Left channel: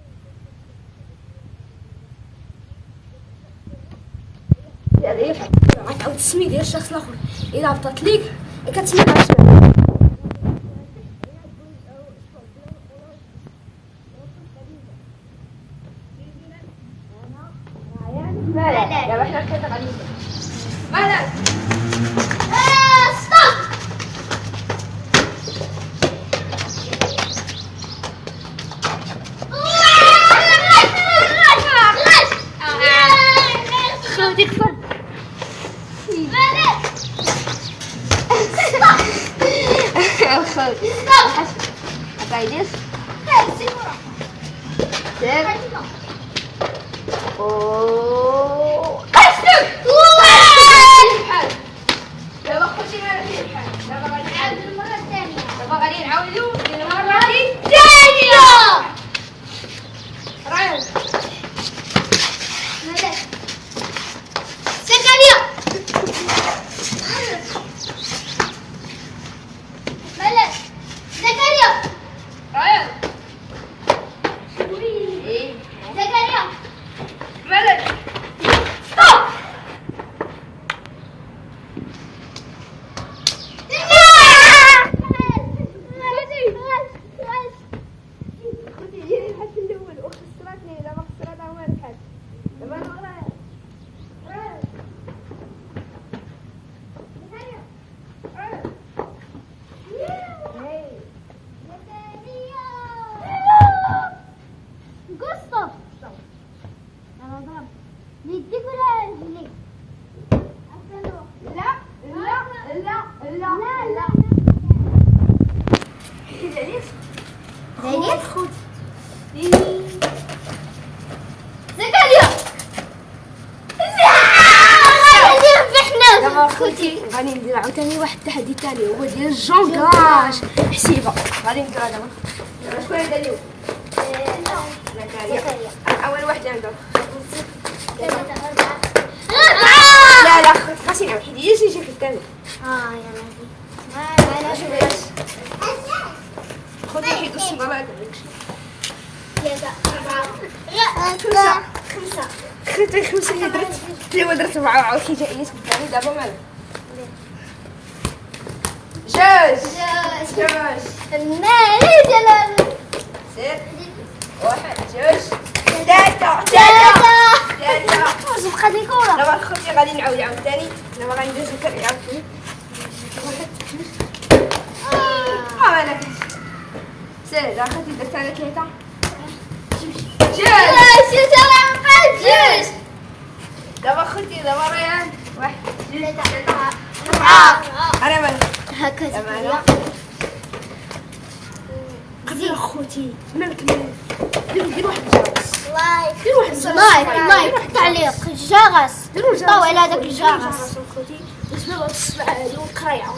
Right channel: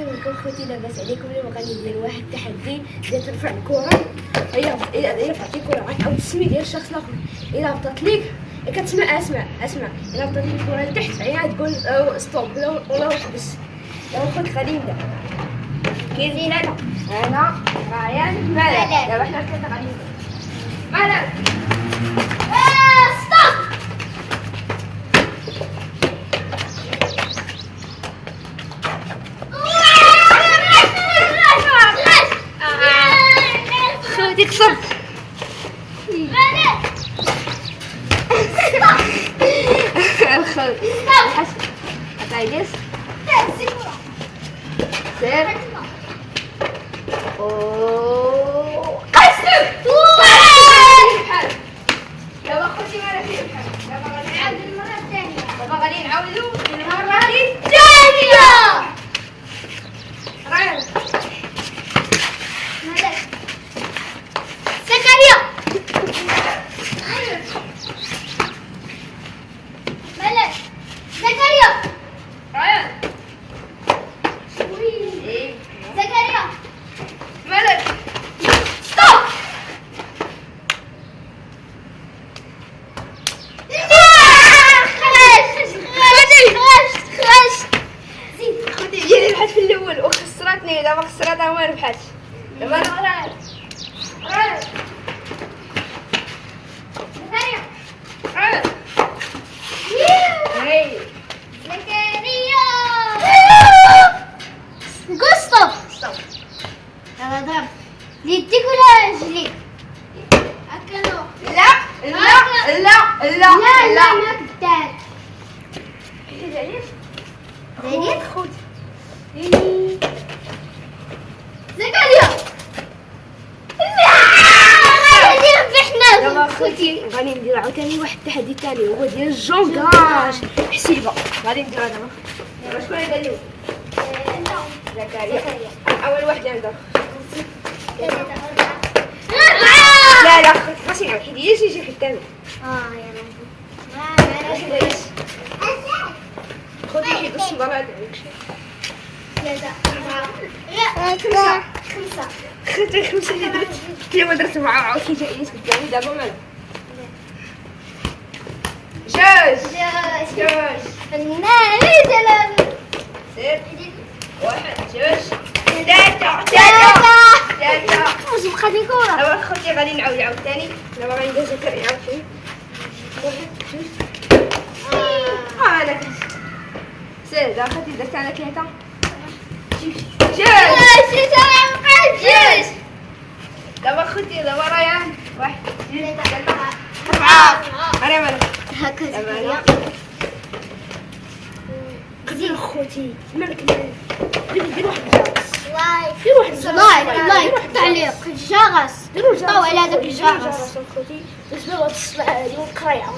السلام عليكم خوتي، لاباس عليكم؟ اليوم غادي ندير واحد التحدي ديال ترفع الكره. الا رفعتي الكره غتعاود تسمي ديال الشخص الاخر. الا هبطت ليك كتسمع اسمع الا هبطت ليك الكره لتحت عيا تقول ستوب ولا حبس. دابا خوتي غادي نبدا. كاين انا ريان مالك. دابا حنا الثلاثه غادي نبدا. مالك ستوب. خوتي كسر الخوت عطايديس سير قصدك دابا خوتي مالك في الحال. دابا غادي نعاود المره الثانيه. دابا غادي نعاودو المره الثانيه. ريان مالك زكريا مالك زكريا ريان زكريا مالك ستوب. خوتي هي اللي ربحت في الاول وخسرتني. دابا خسرتها وما ربحتش. دابا انا راه يديك ولا رجليك؟ أكلو لا لا لا لا لا لا ما تدار. زينيف زينيف خوتي زكريا لا غادي ربحنا. دابا خوتي غادي ندير عاوتاني واحد التحدي ثاني هو ديال الجونكراج حسيبه. غادي نديرها دابا شكون اللي دار زكريا اول واحد عنده لا لا خاصني نعاود حيت هي شي الثاني. يلا ما شويش خذي حيد الصبر هذا. ثلاثة أربعة خمسة خذي خمسة اللي درت اللي درت أربعة وعاود شي جايين قدامي. دابا مالك جوج المال سير واحد جوج ثلاثة واش بقات لي كورة. دابا خوتي غادي نعاود عاوتاني. دابا غادي ندير زكريا عاوتاني واحد جوج هذاك سير. دابا خوتي درت انا ثلاثة جوج. دابا خوتي دابا ريان واحد جوج ثلاثة أربعة. أنا مالك هكا زكريا دير خوتي مالك دير واحد الجرس لايك تعليق الجرس طاو على هذاك الجرس خوتي باش تصبح اليوم قريعة.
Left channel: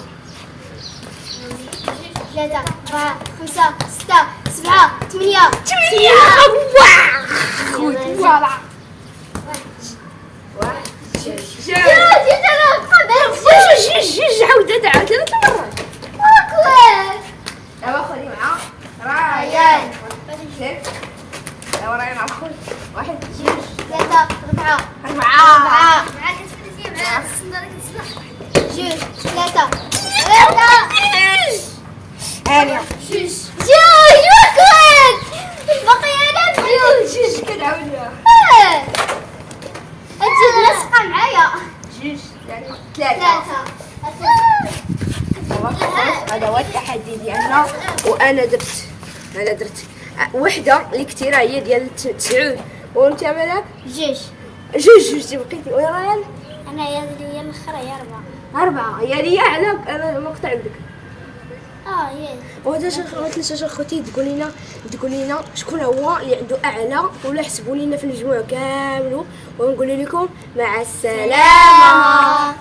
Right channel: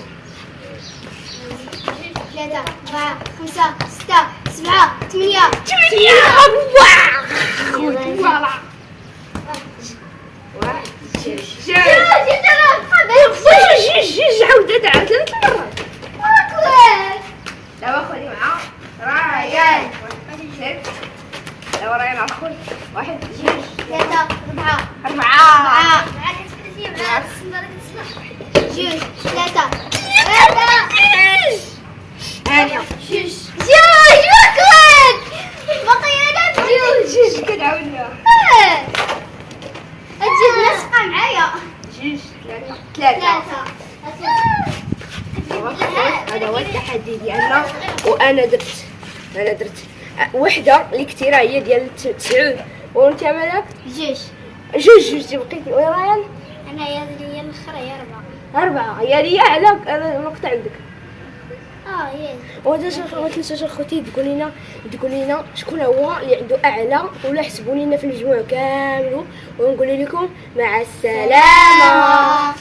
3 4 5 6 7 8 خوتي فوالا واحد جوج عاودت عاد 3 مرات. دابا خذي معاه ريان شيف. دابا ريان مع خويا واحد جوج ثلاثة أربعة جوج ثلاثة هانية جوج وكل باقي أنا بجوج كنعاودها. أجيب لاصقة معايا جوج ثلاثة. هذا هو التحدي ديالنا وانا درت وحده اللي كثيره هي ديال 9. وانت مالك جوج بقيتي ويا ريان. انا هي الاخرى هي 4 هي ليا على مقطع بدك. ما تنساوش اخوتي تقول لنا شكون هو اللي عنده اعلى ولا حسبوا لنا في المجموع كامل ونقول لكم مع السلامه.